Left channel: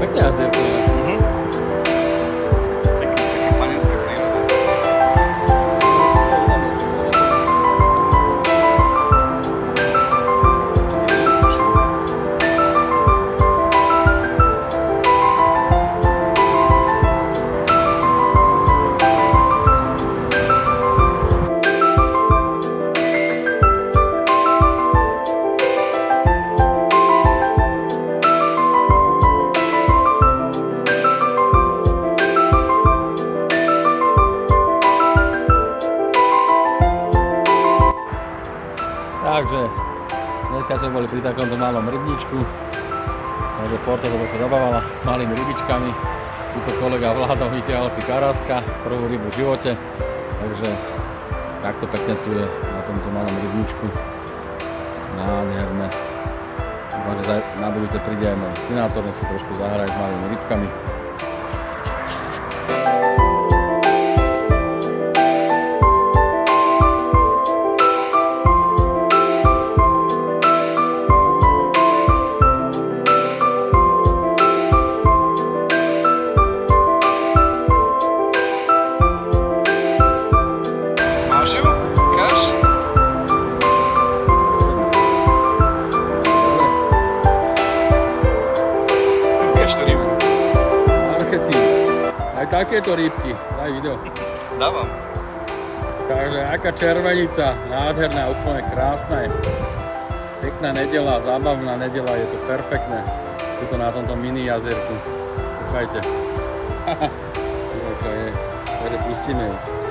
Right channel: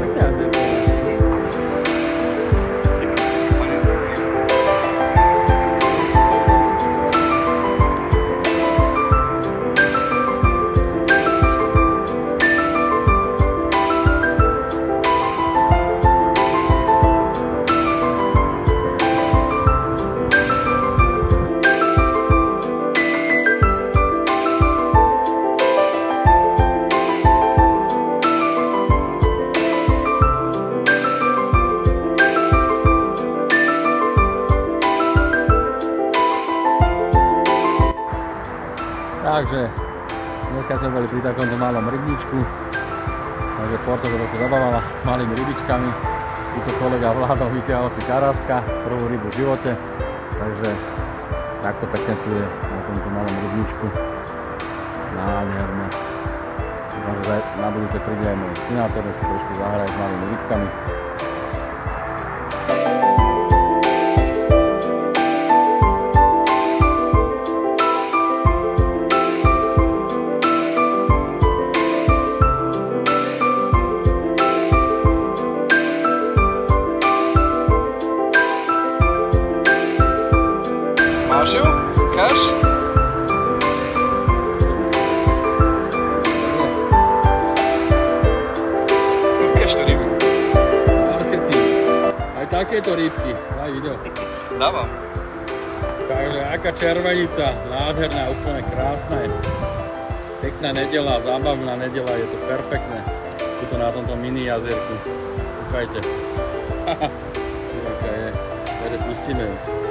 Pekne jazierko. Taká panenská príroda. Takže dneska sme boli pri takomto malom rybníčku, takže Forca to trochu zabávala malými rybičkami. Tuto kolega Vlado vyťahol si karaska, prvú rybu v živote, takže takto pekne tu je na tomto malom rybníčku. Nádherné. Dúfam, že na budúce príde aj môj synátor, nech si trošku zahraje s malými rybkami. Máš ju? Ukáž? Ukáž tú rybu. Marketing. Aj takéto rybky. Daj video. Dávam. Takže aká červenica, nádherná, úplne krásna je. Pekná nedeľa, zábavná nedeľa, je to perfektné. Tuto na tomto mini jazierku. Kúkajte. Aká je. Takže pustíme ju.